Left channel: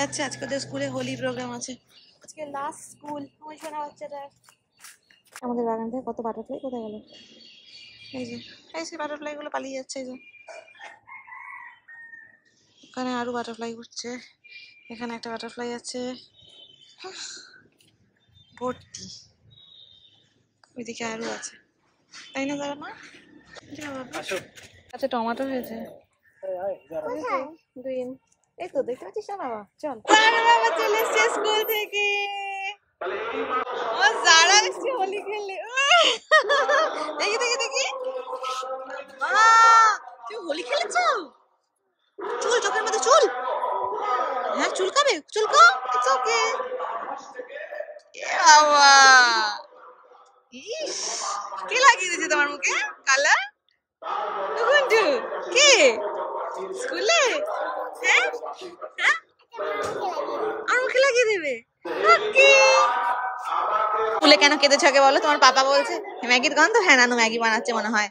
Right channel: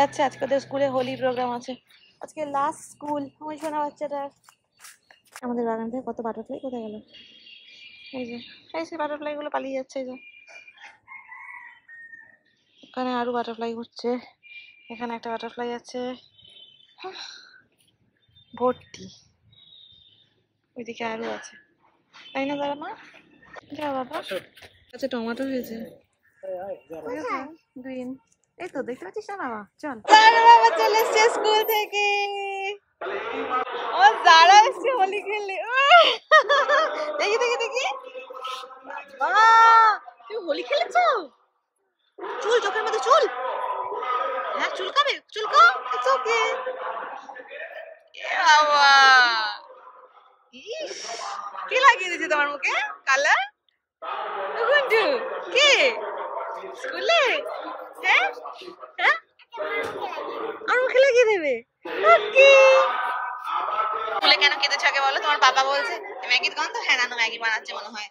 যাচ্ছে, আজকে ওদের স্কুলে হোলি প্রোগ্রাম আছে, আজকে লাস্ট স্কুল। ওই শোনা বাচ্চাটার। আমাদের বাগান থেকে কত বাটারফ্লাই কোথায় গেল? এই যে বাটারফ্লাই গুলো পালিয়ে যাচ্ছে। এই যে ওখানে আরো বাটারফ্লাই ঘুরছে, এখানে একটা বাটারফ্লাই আছে ভর্তি, ওইদিকে আরো আছে, তাই না যারা মা? যা বাবা। আচ্ছা টমেটো হয়েছে গ্রিন, এই তো দেখতে পাচ্ছিস না বাবা? চল। বাবা চলে এসছে স্কুল থেকে, ও যারা এসছে হোলি খেললে। দেখি দেখি দেখি, বাবা তুমি হোলি খেলেছ? চুল, চোখের মধ্যে চুল, হ্যাঁ চুলকাবে, চুলকাও, ইটস ওকে। বাবা ইস, কে লাগিয়ে দিয়েছে তোমার মুখে কালার? গুন্ডু কে? স্কুলে? হ্যাঁ হ্যাঁ, আর মুখে লাগিয়ে দেবে? ওকে। স্কুলে কেন কেঁদেছ আগে বলো? তোমার পাপা বলছে ম্যাগির গন্ধ। হ্যাঁ নানু ম্যাগি বানাচ্ছে মনে হয়।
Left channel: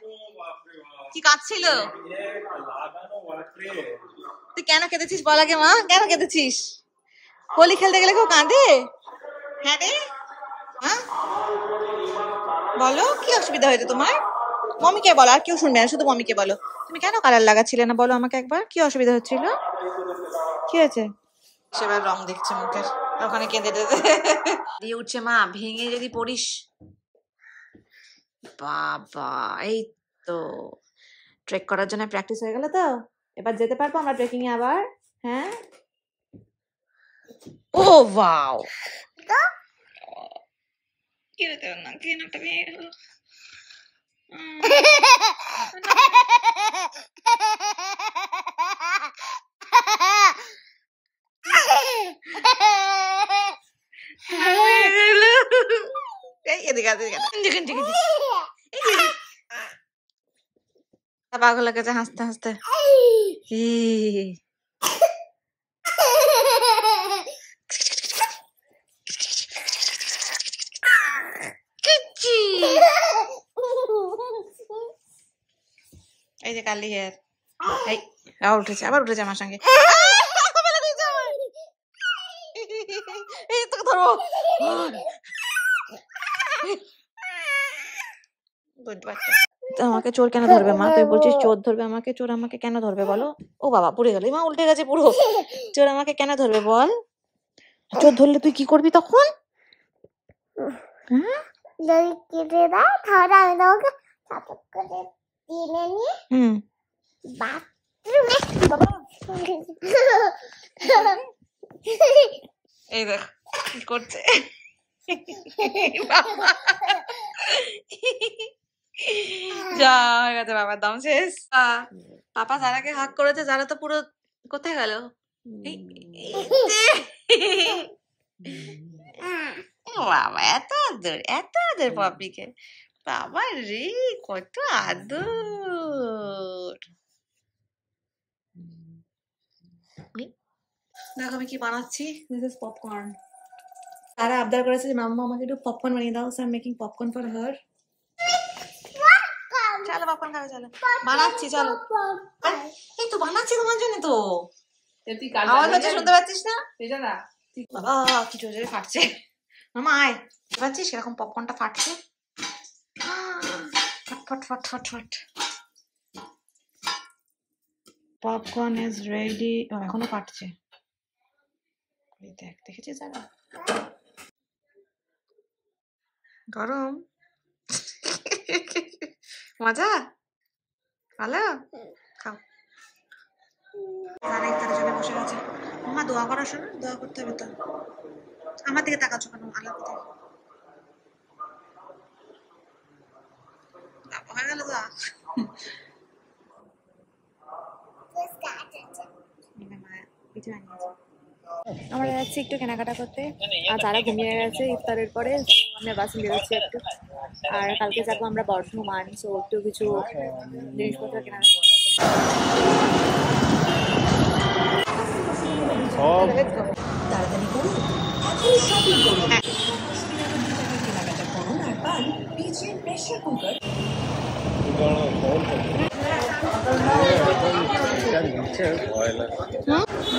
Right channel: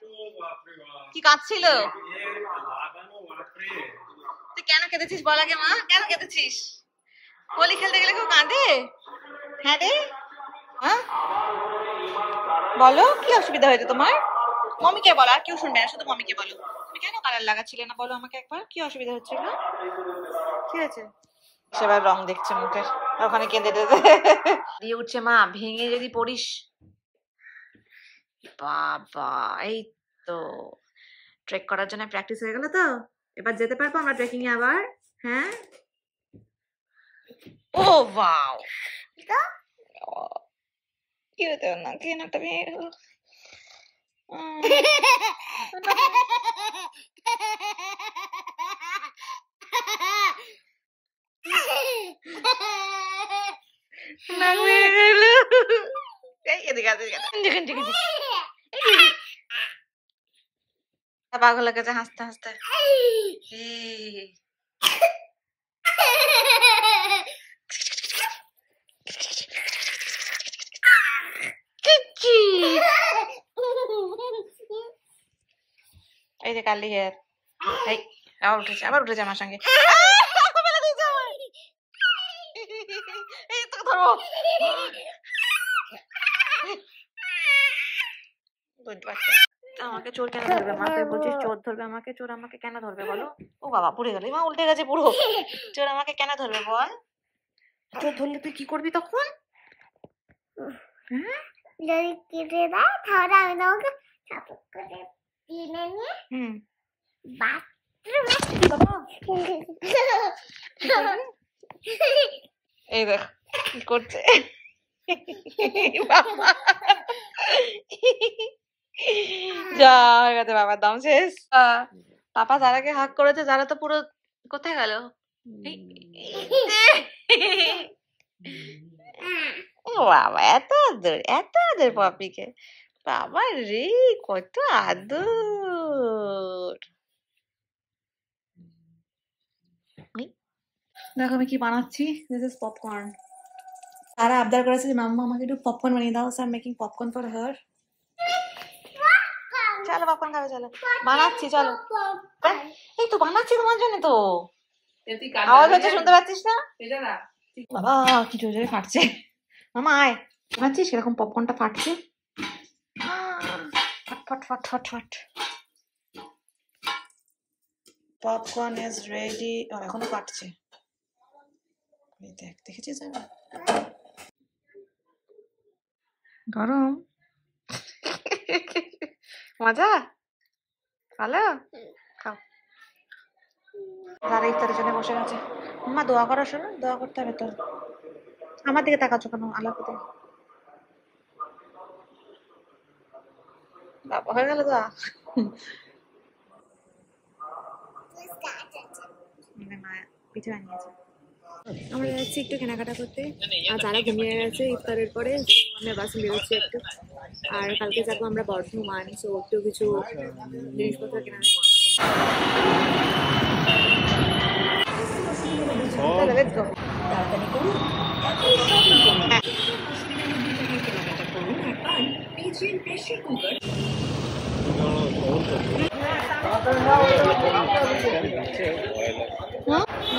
কি কাঁদছিল? তুই কেন কেঁদেছিস বল আগে মা, কেন কেঁদেছিস? হোলি খেলতে গেলে কেউ কাঁদে? হ্যাঁ রে, হ্যাঁ বলো কি অসুবিধা হয়েছে তোমার? মমিকে বলো, আর কেউ শুনবে না, শুধু মমিকে বলো। তুমি কেন কালার লাগাচ্ছিলে না বলো আমাকে একবার, কি অসুবিধা হচ্ছিল? কি হয়েছে? সেবার রং দেখছে মুখের, ওখানে কেঁদে দিয়ে উঠছে। মা ভেঙে যদি পড়িস। বাবা এই তো ট্রেক করার জন্য প্র্যাকটিস হয়ে গেল তো, এবার যেতে পারবো আমরা ট্রেকিং এ আবার। হ্যাঁ ও ওয়াও, কি হতো না, কি নাকটা ভেঙে গেল। পাগল গেছে হাসতে হাসতে। এই যে কালি হেয়ার, আবার উঠেছে, আবার উঠেছে আমার সঙ্গে। এই তোকে ধরো, আমাকে চোর কেন ধরবে মা? তুই বলছিস চোর ধরবে আমাকে, চোর আমাকে কেন ধরবে বলো? ও বাবা পড়ে গেল, মা উল্টে গেছে পুরো। চোর আমাকে কেন ধরবে বল? চোর ধরলে তুই কি করবি তখন? এই দেখ কি করছে যা হয়ে গেছে, বাবার দম শেষ। পাপা যারাকে হাক করেছে, যারা তো পুরো কোথায় গেল? বাবা এত আদর, এত আদর পাপিকে, বাবা রে কত আদর। দেখো আমি কি বানাচ্ছি, দিস ইজ পপকর্ন। তারা আবদার করেছে যে মাম্মা আমাকে একটু পপকর্ন বানিয়ে দাও, so I am making popcorn for her. চলো পপকর্ন খাবে, চলো বানাচ্ছি, চলো। এই তো বানাচ্ছি তোমার জন্য তো, আওয়াজ হচ্ছে শুনতে পাচ্ছিস না? বাবা কি জোরে জোরে ফাটছে। মামা আয়, বানাচ্ছিস এরকম পপকর্নটা ফাটছে, ফট ফট ফট ফট ফট। Popcorn is ready. এখনো ফাটছে, দেখ দেখেছিস যারা গরম। মজা ভালো, খাও। যারা ইফতারের জন্য বসে গেছে। মা দোয়া করার সময় দোয়া করতে হবে তো। আমার দিকে তাকাচ্ছ কেন? আল্লাহর দিকে। বাবা হয়ে গেল দোয়া। পিঠে বানিয়েছে। আমরা যাচ্ছি একটু কেনাকাটা করতে, আর যারা ঘুমিয়ে গেছে ইফতারের পরে আমরা বাসে বেরোচ্ছি একটু। আর কালকে যাবো আমরা বর্ধমান, সো একটু কিছু জিনিসপত্র কেনা।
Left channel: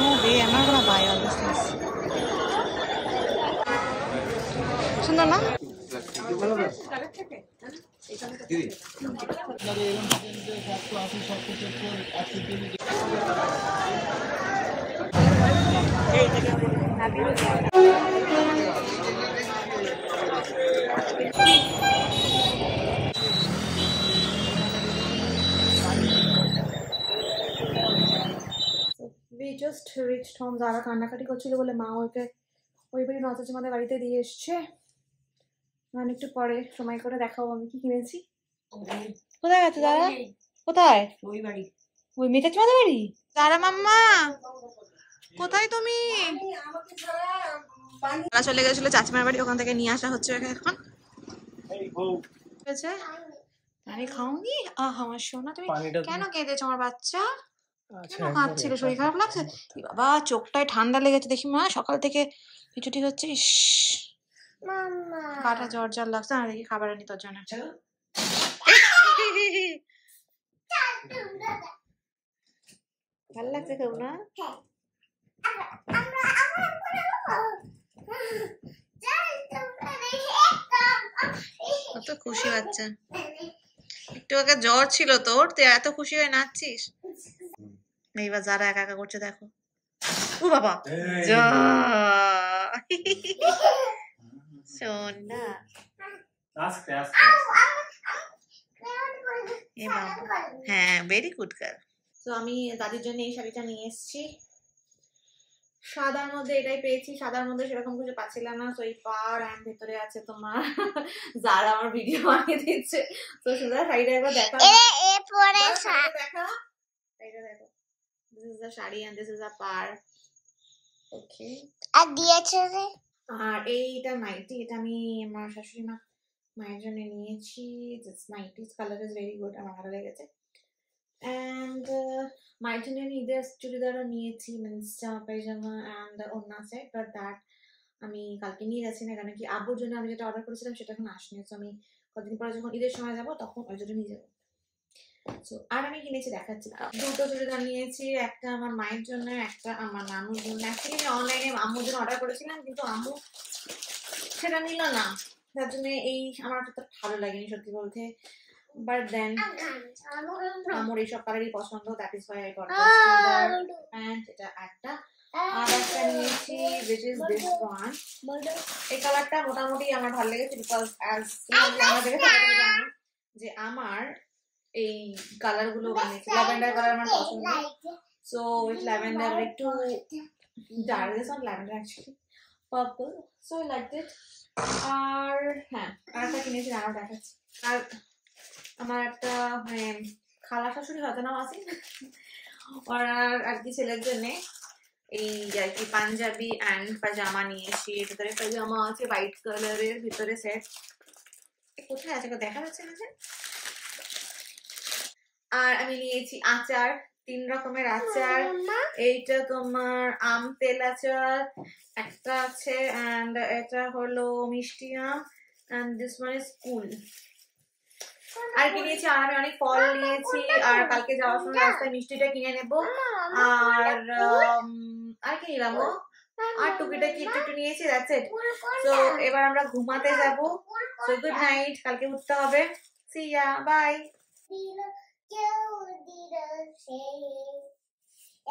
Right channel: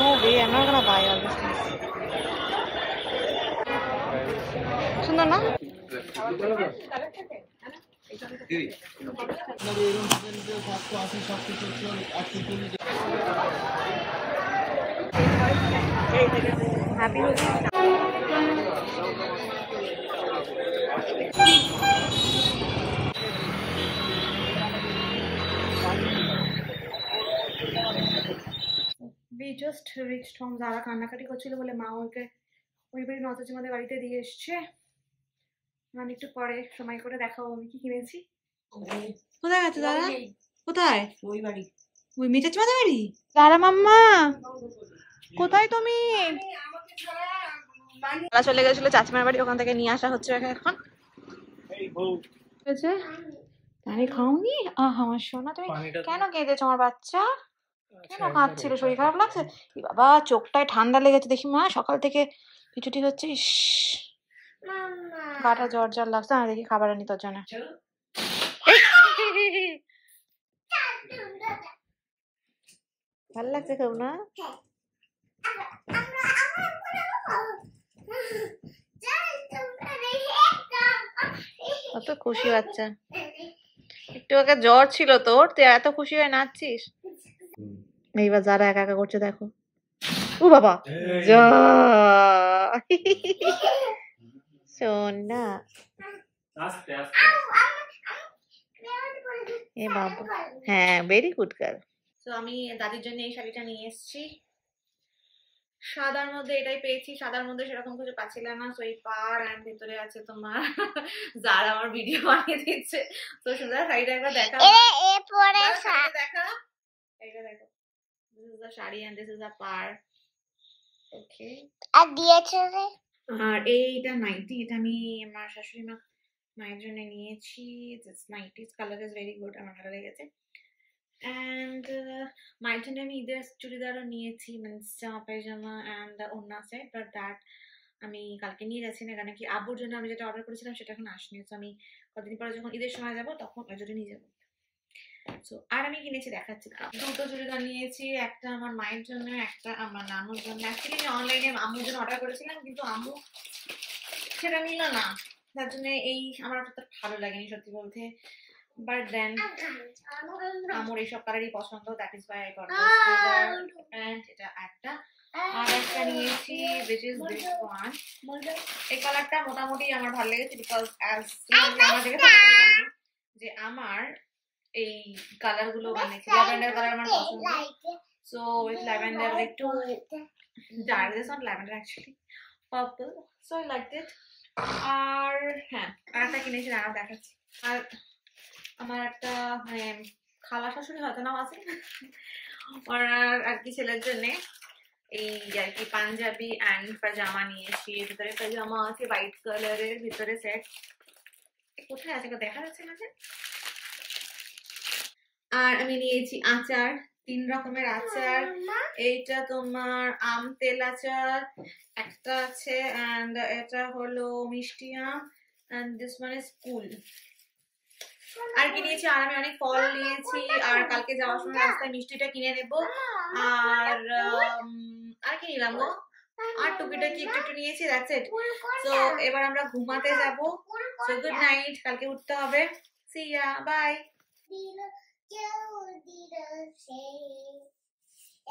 No way, I'm not gonna buy all these things. সুন্দর না? হ্যাপি হচ্ছে we just reached home. যারা কান্নাকাটি করছিল বলে মা ওকে ওই বাড়ি নচাচি আমাদের বাড়িতে দিয়ে এসছে। একটু পরে সময় করে দেখাবো আমি কি কিনেছি। কোথায় গেছে দাদা? কোথায়? ওই বাড়ি, ওই মেটাচ্ছি আমাদের বাড়ি। দাদা মাম্মা কোথায় তুমি? তারা চলে গেছিল চাচিমার বাড়ি, ওখান থেকে নিয়ে আসা হচ্ছে এখন। আমি খাওনি? আমার সোনা তুমি কেন কেঁদেছো? আমার বাচ্চা কেন কাঁদছিল? শরীর খারাপ লাগছে? বাবা চোখটায় ঠান্ডা লেগেছে দেখি মা, সকাল থেকে পিছুটি হচ্ছে। গাটা জ্বর জ্বর লাগছে না, দেখি খাবার আনি তোর জন্য। ভাল লাগছে খুব না? কত খুশি বাচ্চা। একটু আগে জ্বর ছিল তোর, তুই এত খুশি হয়ে নাচছিস। এইবার যারা একা একা করছে দেখো। ও বাবা শোন না এ বাবা। হ্যাঁ ভেরি গুড গার্ল। তো আমি দাদির জন্য এই শাড়িটা নিয়ে এসেছি। সাদার মধ্যে এটাই পেয়েছি, সাদার মধ্যে সেরকম কিছু পাচ্ছিলাম না। তো এই পার অ্যান্ড ভেতরে আছে তোমার যারা আমার ভিডিও বানিয়ে দিচ্ছে। তো সুন্দর শাড়িটা একবার দেখা দেখা এইটা দেখো। This is the sari and this is the পার। ওকে আর দিয়েছে রে। আর এইটা নাইটি, এটা আমি আমার শাশুড়ি মা মায়ের জন্য নিয়েছি। This nighty's colour is very good, আমার ভালো লেগেছে। অ্যান্ড মায়ের জন্য আমি ঈদের চুড়িদারও নিয়েছি, মিন্স জামা পায়জামা অ্যান্ড ওড়না সেট, বাট দ্যাট আমি কালকে নিয়ে যাচ্ছি না, কারণ কি আব্বুর জন্য আমি যেটা অর্ডার করেছিলাম সেটা এখন আসেনি। তো আমি কদিন পরে যখন ঈদের সময় যাবো তখন ওই জন্য নিয়ে যাবো। সো আর আমি কিনেছি দেখাচ্ছি, দুটো চুড়িদার নিয়েছি, একটা আমার মায়ের জন্য, একটা আমার নানুর জন্য। অ্যাকচুয়ালি আমি অনলাইনে আম্মুর জন্য অর্ডার করেছিলাম, কিন্তু আম্মু সেটা নিল না, তার জন্য এই আমার অতটা ভালো লাগেনি সত্যি বলতে। বাট দেন আমার এইসব কালারই পছন্দ, that is why I got this churidar. And এটা একটা আর একটা নিয়েছি which is this one। এই কালারটা মোটামুটি আমার ভালো লেগেছে, বিকজ অ্যাজ আমার দেখে জানো যে আমার এই কালার গুলো বানিয়েছি, ল্যাভেন্ডার কালার আমার পছন্দ। সো উইথ ল্যাভেন্ডার একটু dark, this not lavender actually purple, so I like it. আর হ্যাঁ আরেকটা কিনেছি, আর দেখাচ্ছি। আর আমার একটা মানে খালা শাশুড়ি হয়তো নাম আছে ওনার আর কি ছেলের জন্য এই আর কি পাঞ্জাবি অ্যান্ড পাজামা নিয়েছি। ভিতরে পাজামা আছে হোয়াইট কালারের, ভিতরে সেট। কোথায় আছে দেখা যাচ্ছে না যে। আর আমি নিয়েছি আচার, 3 রকমের আচার। এইটা তোমার আম তেল আচার একটা আছে, অ্যান্ড এটা হলো মিষ্টি আম, and this one is cool. আর কি নিয়েছি, আর আমি অনেক ফল নিয়েছি। আর কালকে যাওয়ার সময় রাস্তায় মিষ্টিটা কিনে নেবো। আর কি নিলাম গো, আর টুকিটাকি একটু একটু নিয়েছি, দ্যাটস ইট। সো এবার আমরা ঘুমাতে যাব। সো গুড নাইট, কালকে উঠতে হবে। See ya, bye.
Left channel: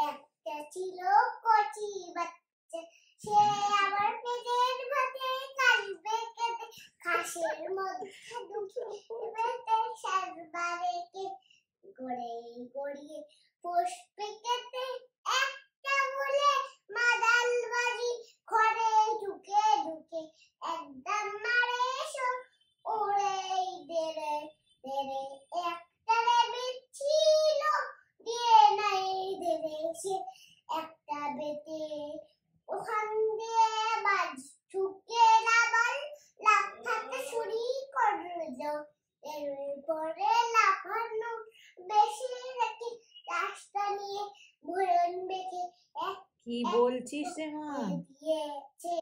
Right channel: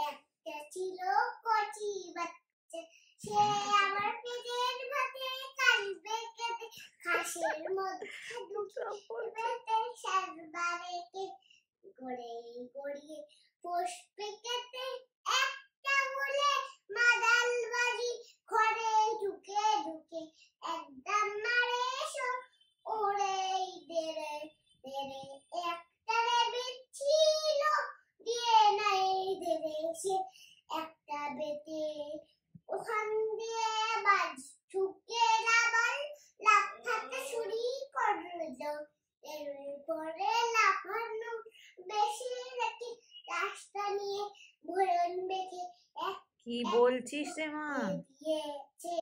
একটা ছিল কচি বাচ্চা, সে আমার পেটের ভাতে কালবে কেটে খাসের মধ্যে ঢুকে সাজবারে কে গড়ে গড়িয়ে পুষ্পে কেটে একটা বলে মাদাল বাজি ঘরে ঢুকে ঢুকে একদম মারে ওরে দেরে দেরে একটা বিচ্ছিল দিয়ে নাই দেবে সে একটা বেটে ওখান দিয়ে বাজ ঢুকে লাবাল লাফাতে শুরু করলো। এরপরে লাফানো বেশি নাকি রাস্তা নিয়ে ভরণ বেঁধে। কি বলছিস রে মা?